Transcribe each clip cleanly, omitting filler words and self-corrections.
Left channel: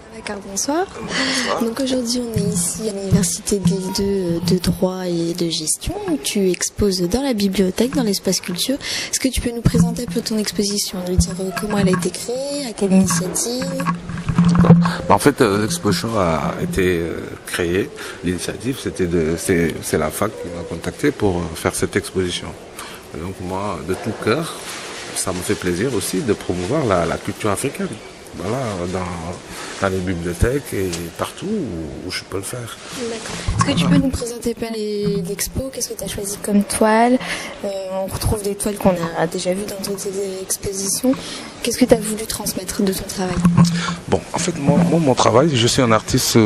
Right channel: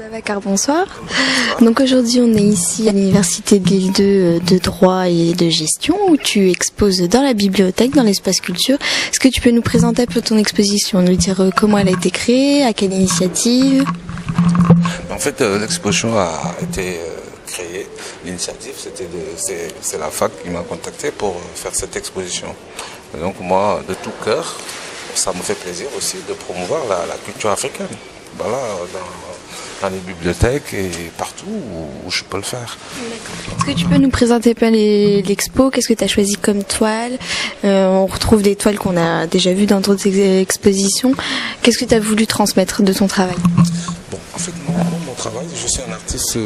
Babacar, bonsoir. Donc aujourd'hui on est ici à l'université de l'île de droit et de gestion où tu exposes dans la bibliothèque, dans l'espace culture. Est-ce que tu peux nous présenter un peu ton exposition, nous dire comment elle a été créée, à quelle initiative? En fait, l'exposition a été créée. L'initiative, c'est la fac qui m'a contacté pour faire cette exposition. Et donc moi, de tout cœur, ça me fait plaisir aussi de promouvoir la culture africaine. Voilà, dans les bibliothèques et partout où je peux le faire. Tu peux nous présenter un peu l'expo, qu'est-ce que tu as choisi comme toile? On retrouve des toiles qu'on a déjà vues dans d'autres expositions. Qu'est-ce que tu as voulu transmettre de ton travail? Bon, en fait, mon travail, je suis un artiste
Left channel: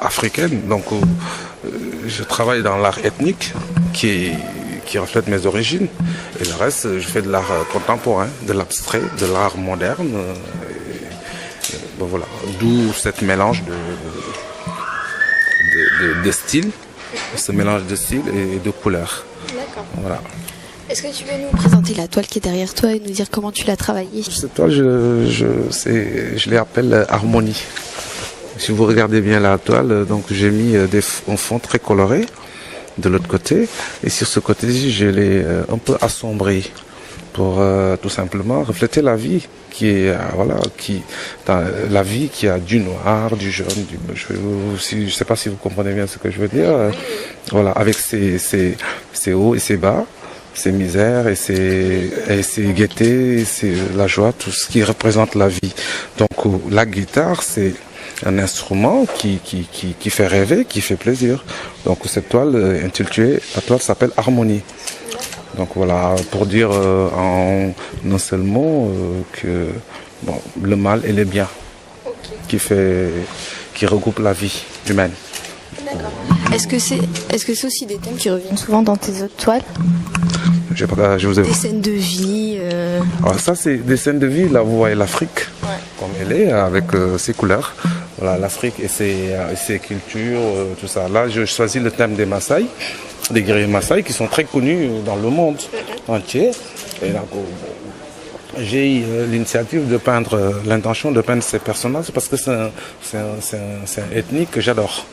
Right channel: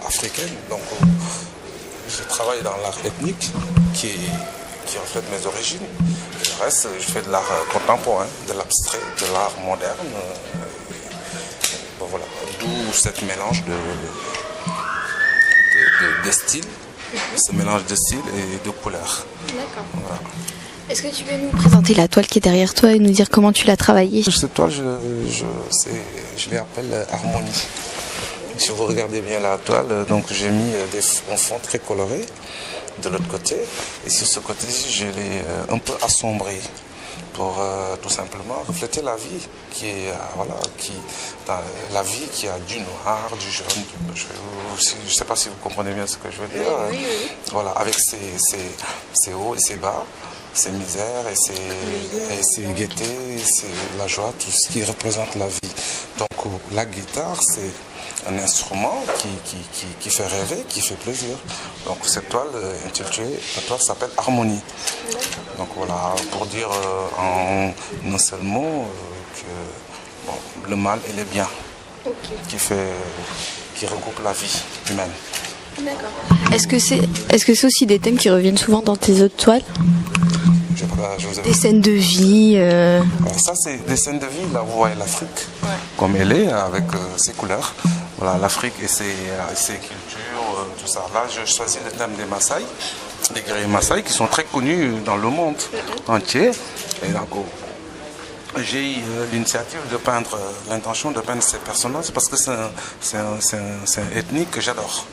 africain, donc je travaille dans l'art ethnique qui reflète mes origines. Et le reste, je fais de l'art contemporain, de l'abstrait, de l'art moderne. Voilà, d'où cette mélange de styles, ce mélange de styles et de couleurs. Voilà. Est-ce que tu peux nous présenter la toile qui est derrière toi et nous dire comment tu l'as travaillée? Cette toile, je l'appelle Harmonie. Si vous regardez bien la toile, donc j'ai mis un fond très coloré de l'autre côté, et sur ce côté-ci, je l'ai un peu assombri pour tout simplement refléter la vie la vie qui a du noir, du jaune, je sais pas si vous comprenez bien ce que je veux dire. Voilà, avec ses hauts et ses bas, ses misères et ses gaietés, la joie, tout ce qui représente la vie. Donc la guitare, c'est un instrument qui fait rêver, qui fait plaisir. Donc cette toile intitulée, la toile s'appelle Harmonie. Donc voilà, pour dire en un seul mot que le mal et le bien qui regroupe la vie humaine. Est-ce que c'est aussi des thèmes qui reviennent souvent dans tes autres toiles? Je vous ai... Des scènes de vie. Alors ça, c'est des scènes de vie. Là, vous voyez l'Afrique comme elle est, avec ses couleurs. Voilà, l'Afrique et ses cultures, tout ça. Là, je choisis le thème des Maasai, des guerriers Maasai qui sont très connus dans le monde entier. Et donc, j'ai eu l'initiative de peindre, l'intention de peindre ces personnages parce que c'est un ethnique que j'adore.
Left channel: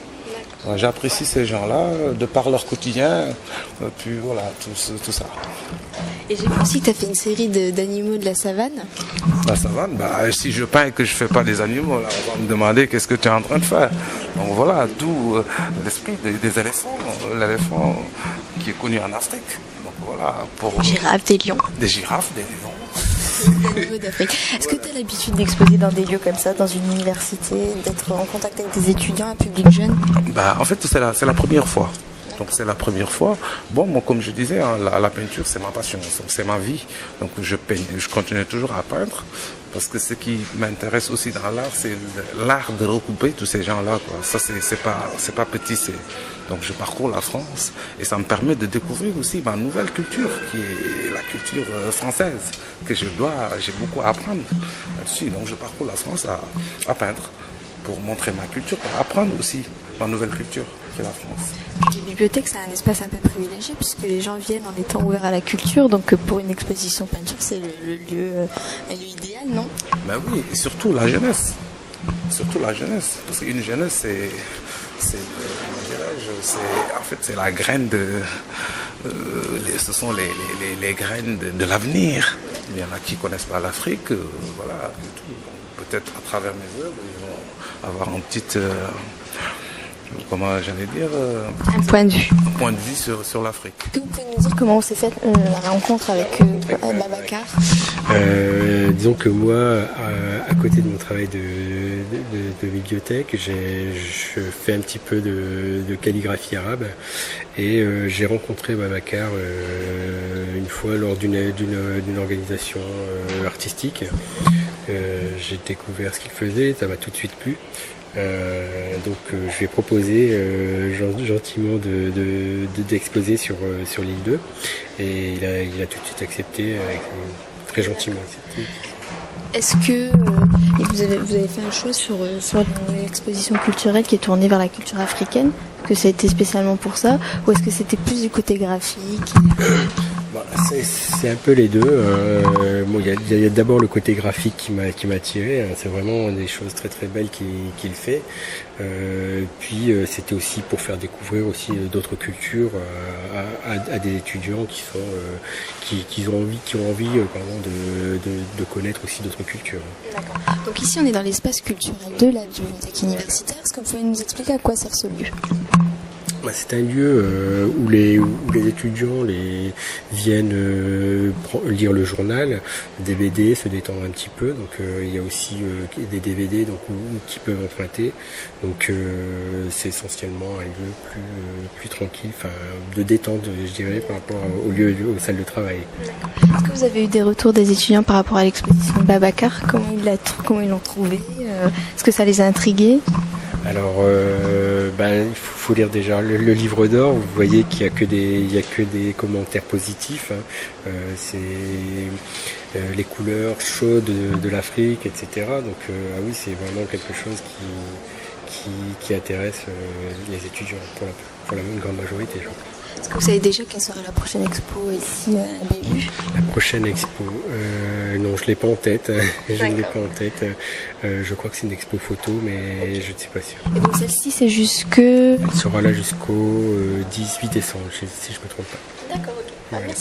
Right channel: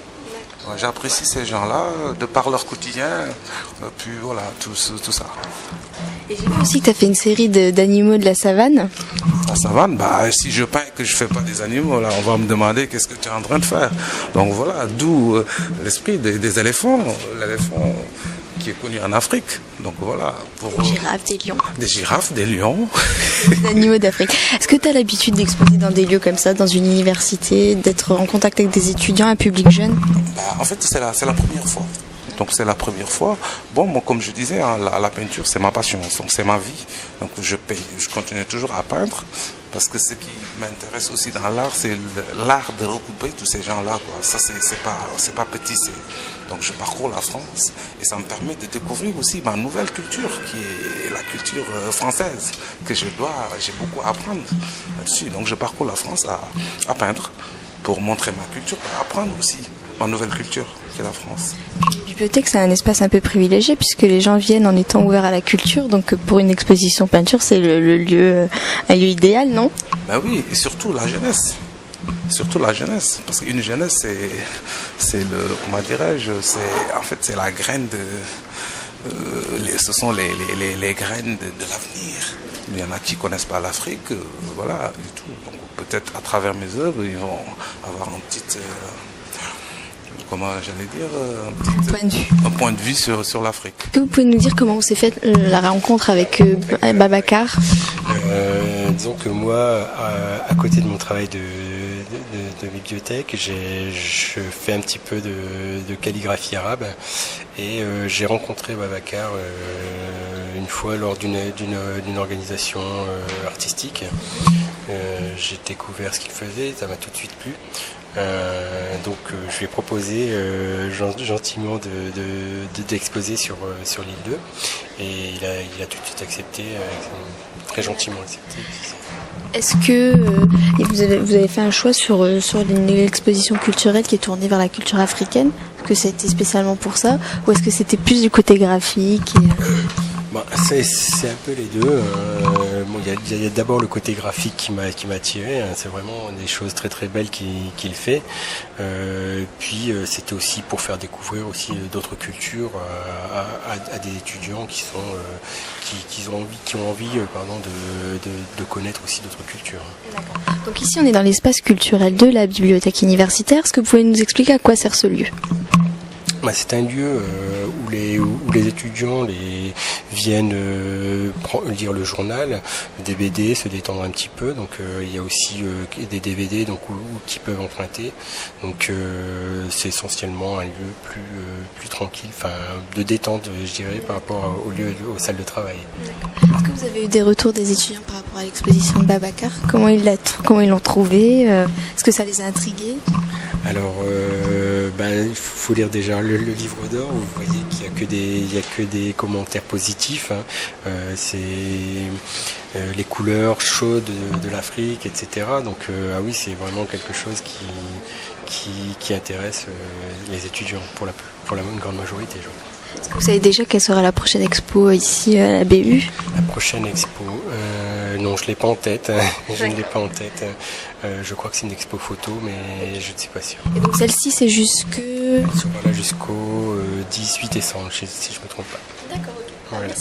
Voilà, j'apprécie ces gens-là de par leur quotidien, puis voilà, tout ça. Et j'ai vu aussi que tu as fait une série d'animaux de la savane. La savane, si je peins et que je fais pas des animaux, là, on va me demander qu'est-ce que tu es en train de faire. Donc voilà, d'où l'esprit des éléphants, l'éléphant qui est connu en Afrique. Donc voilà, pour des girafes, des lions. Des animaux d'Afrique. Est-ce que tu as l'habitude d'exposer dans des lieux comme ça, dans une université, d'être en contact avec des étudiants, un public jeune? En fait, c'est la première fois. Donc c'est la première fois. Bon, moi, comme je disais, hein, la peinture, c'est ma passion, donc c'est ma vie. Donc je continue toujours à peindre parce que ce qui m'intéresse aussi dans l'art, c'est l'art de regrouper tous ces gens-là, quoi. Ça, c'est pas petit. Donc je parcours la France et ça me permet de découvrir aussi ma nouvelle culture, qui est la culture française, que j'ai beaucoup à apprendre là-dessus. Donc je parcours la France à peindre pour montrer ma culture et apprendre aussi ma nouvelle culture, qui est la France. Les bibliothèques, c'est un espace un peu privilégié puisque les gens viennent en étant ouverts à la culture. Donc pour une exposition peinture, c'est un lieu idéal, non? Oui, et surtout la jeunesse. Surtout la jeunesse. Parce qu'une jeunesse, c'est la graine ce sont les graines de l'avenir. Il y en a qui connaissent pas l'Afrique, voilà, et tout. Donc peut-être à travers mes œuvres, ils vont avoir un petit... un point de vue. Un point de vue sur l'Afrique. Est-ce que vous pouvez nous dire comment s'est faite la rencontre avec Babacar? Disons que moi, à côté de mon travail de bibliothèque, je fais un petit peu de calligraphie arabe et j'ai rencontré Babacar une fois lors d'une organisation artistique. J'ai découvert ce qu'il faisait, ça m'a tout de suite plu. Donc je lui ai proposé gentiment d'exposer sur l'île 2 et il a tout de suite accepté, très gentiment accepté. Est-ce que vous avez fait un choix sur l'exposition culturelle qui est tournée vers la culture africaine? Est-ce que ça a été spécialement pour ça ou est-ce que c'était plus du côté graphique Bah, c'est un peu les deux. Bon, il y a d'abord le côté graphique qui m'a attiré. Hein. C'est vraiment des choses très très belles qu'il fait. Puis c'était aussi pour faire découvrir aussi d'autres cultures à des étudiants qui ont envie de connaître aussi d'autres cultures. Ici, on est dans l'espace culturel de la bibliothèque universitaire. Est-ce que vous pouvez nous expliquer à quoi sert ce lieu? C'est un lieu où les étudiants viennent lire le journal, des BD, se détendre un petit peu. Donc il y a aussi des DVD qui peuvent emprunter. Donc c'est essentiellement un lieu plus tranquille, de détente, je dirais, par rapport aux salles de travail. Est-ce que vous avez eu des retours des étudiants par rapport à l'exposition de Babacar? Comment ils l'ont trouvé? Est-ce que ça les a intrigués? Alors, il faut lire déjà le livre d'or. Vous voyez qu'il y a que des commentaires positifs. Hein. C'est les couleurs chaudes de l'Afrique, etc. Donc, oui, c'est vraiment quelque chose qui intéresse les étudiants pour la grande majorité, je crois. Vous savez déjà quelle sera la prochaine expo ici à la BU? La prochaine expo, non, je l'ai pas en tête. Je ne l'ai pas en tête. Je crois que c'est une expo photo, mais je ne suis pas sûr. Celle-ci, c'est Elle sera là jusqu'au 18 décembre, si je me trompe pas. Voilà.